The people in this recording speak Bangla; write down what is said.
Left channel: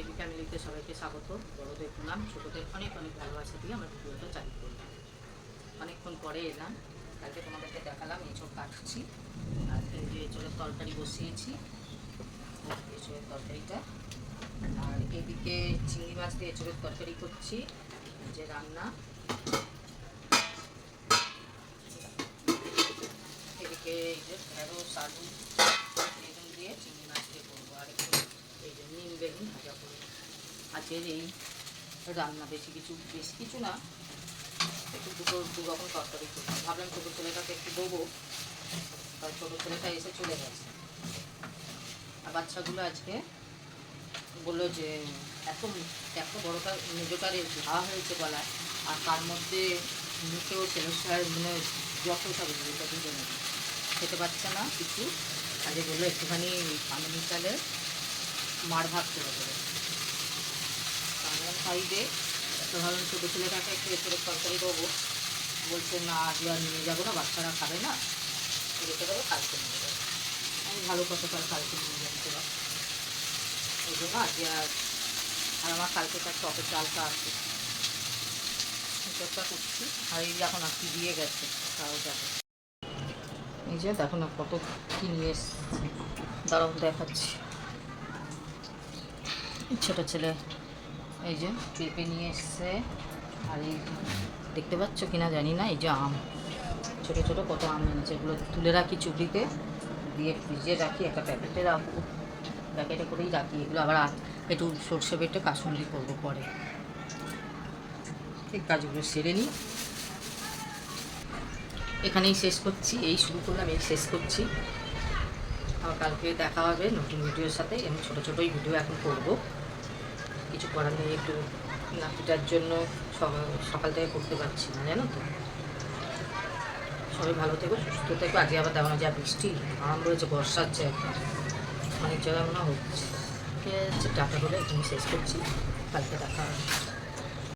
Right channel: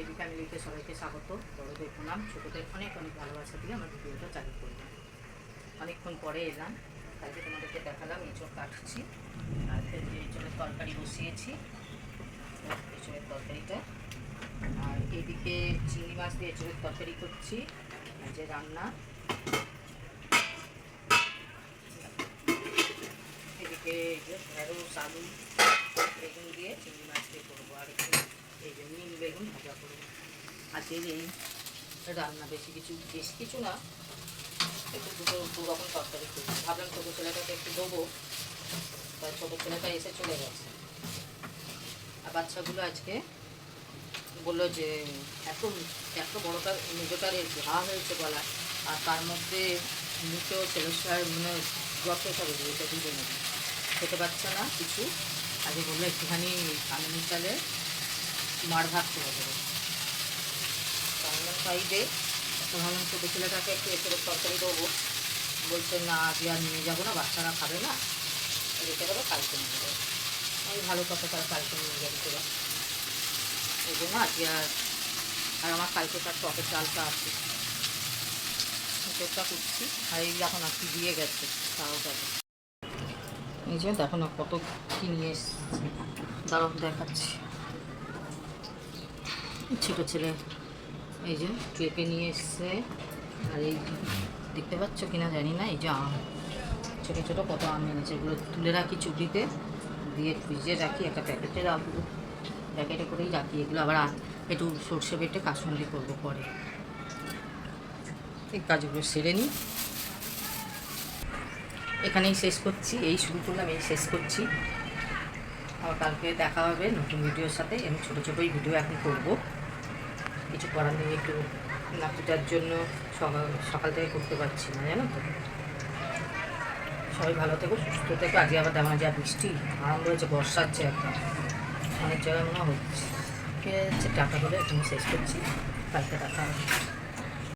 এবি ফ্যামিলিতে সবাইকে স্বাগত। বড়দের প্রণাম, ছোটোদের অনেক অনেক ভালোবাসা দিয়ে আমার ভিডিওটা চালু করলাম। অনেকক্ষণ পরে এলাম, কালকে তোমাদেরকে দেখালাম এঁচড় কাটছি, আর এঁচড়ের তরকারি বসিয়েছি, এঁচড়ের তরকারিটা। আর এদিকে চিংড়ি মাছ দিয়ে এঁচড়ের তরকারি করছি, যে রান্না। এদিকে এই যে ঢেঁড়স, আলু, বেগুন দিয়ে চিংড়ি মাছ দিয়ে করবো, আর একটু এই যে নিম বেগুন ভাজা করবো। আজকের এই রান্না বেশি কিছু না, একটু দু রকম তরকারি করবো। ভাবলাম ছোটো ছেলেটাকে একটু দেবো, তাই ছোটো ছেলেটা এসে চলে গেছে। আর বাচ্চাগুলো আজকে বললো যে এত বড়োটা মেজোটার ঘা হয়েছে গলায়, আর তার মধ্যে মুখেও সেলোসার মানে যতটা বেরিয়েছে, দুজনে খেতে পারছে না কিছু। আজকে বললো একটুখানি কামিনী চালে মার ভাত করে দেবো। বাংলা সাইডে তো ভাবলাম ছোটো ছেলেটাকে একটু এঁচড়ের তরকারি দেবো, বলছে না আজকে আর নিয়ে যাবো না, বাচ্চারা খাবে না, রেখে দেবো, কালকে নিয়ে যাবো। আমি ভালো কথা, তার কালকে নিয়ে যাবো তোরা, এই জন্য আজকে আর আমার কালকে তার টকের ডালটা আছে, এঁচড়টা করছি। আর এই এখন আর কি দিয়ে গেছে তাও দেখো, এই যে দেখো না কত কী নিয়ে এসছে, দাঁড়াও দেখাচ্ছি। ছোটো ছেলে এই যে পেঁপে নিয়ে এসছে, আর এই দেখতে পাচ্ছ কিনা জানি না, এই যে আম, ছোটো ছোটো কত আম এনেছে, এগুলো তুলে রাখি চুবড়িতে, দিয়ে ফ্রিজে রাখি, একটা প্যাকেটে রাখবো, প্যাকেটে করেই রাখি। এগুলো আবার একটু সর্ষে বেটে কাসুন্দি করবো পরে। এই কাজগুলো সেরে নিই, এখানেই শেষ করছি, এই শুরু করলাম, এই শেষ করছি। আবার কালকে দেখা হবে নতুন ভিডিওর সাথে। আমি ছোটো ছোটোই ভিডিও এখন করবো, কিছু করার নেই, একটু নাপিটার জন্য সকাল থেকে করতে পারছি না, জানো তো। সবাই ভালো থেকো, সুস্থ থেকো। আজকে আবার তেমন যা বৃষ্টি আরম্ভ হয়েছে, বর্ষাচ্ছে একদম, অনেক জায়গায় মনে হচ্ছে। ঠিক আছে, টাটা করে এখানে শেষ করছি, কালকে দেখা হবে।